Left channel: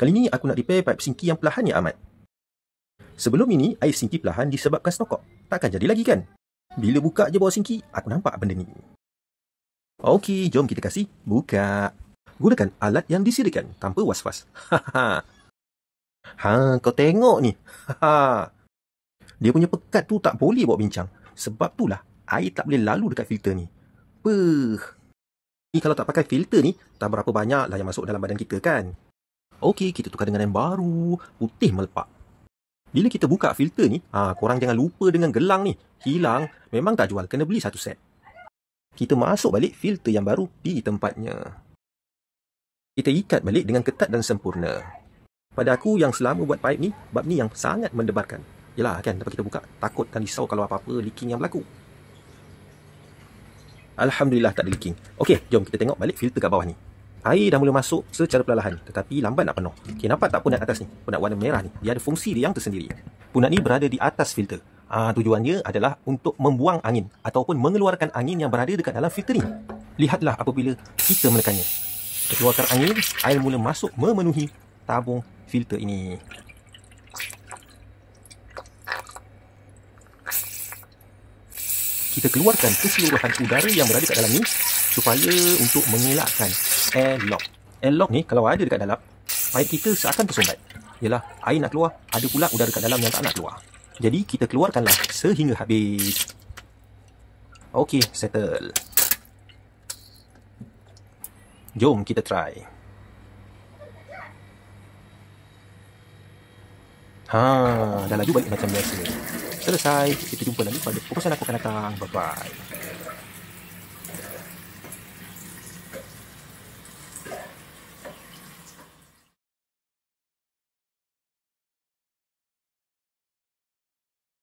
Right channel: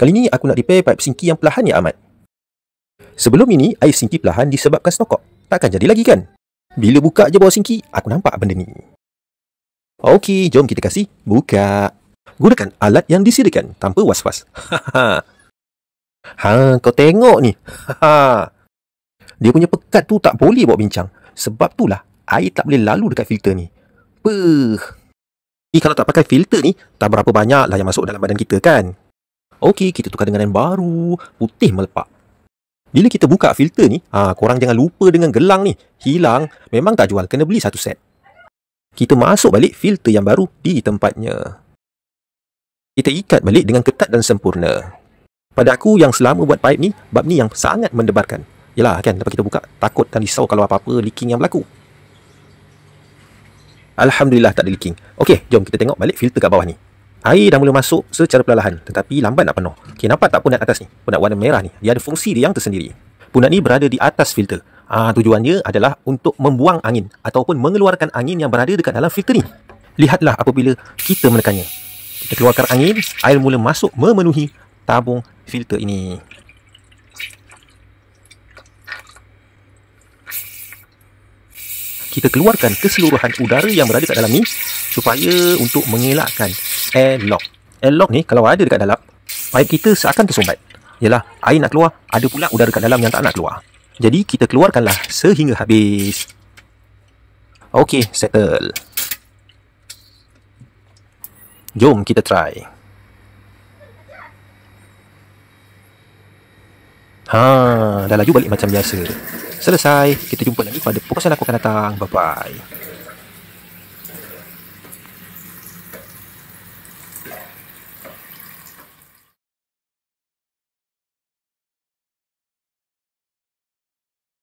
Kali ni aku nak repair pipe sinki yang perlahan ya Ahmad. Sebelum ini, air sinki perlahan disebabkan snokok. Takkan jadi lagi kan? Bila buka je bawah sinki, aku nampak benda ni. Okey, jom kita kasih buka. Gunakan alat yang disediakan tanpa was-was. Kau tengok ni. Dia punya pekat tu tak boleh bawa bincang. Sebab itulah air tak boleh lalu dekat filter ni. Jadi kalau tak pakai filter ni, tak berapa banyak lah yang masuk dalam badan kita kan. Okey, kita tukar dengan yang baru. Putih melepak. Bila kita buka filter ni, korang jangan lupa dengan gelang ni. Hilang, memang tak jual. Kena beli satu set. Kita masuk balik filter yang baru di tempatnya. Kita ikat balik dengan ketat dan sempurna. Pada aku yang selama buat pipe ni, bab ni yang sangat mendebarkan. Yelah kan, lepas kita buka, takut dan risau kalau apa-apa leaking yang berlaku. Alhamdulillah tak ada leaking. Okey, jom kita tengok balik filter kat bawah ni. Air dah mula masuk secara perlahan, tetapi lambat nak penuh. Okey, nampak tak punat atas ni? Punat warna merah ni. Dia ada fungsi dia yang tersendiri. Punat ni berada di atas filter. Tujuannya adalah untuk membuang angin ataupun mengeluarkan angin yang berada dekat dalam filter ni. Lihatlah apabila kita menekannya. Kita keluarkan angin, air mula masuk memenuhi tabung filter ini. Kita keluarkan keseluruhan udara yang berada kat dalam ni supaya untuk mengelakkan airlock. Airlock ni kalau ada dekat dalam, pipe kita seakan tersumbat. Yalah, air nak keluar, ada pula udara kat dalam yang tak nak keluar. Jadi kita keluarkanlah sehingga habis. Okey, settle. Jom kita try. Dah laju balik macam biasa. Selesai. Kita jumpa lagi pada perkongsian aku akan datang. Bye-bye.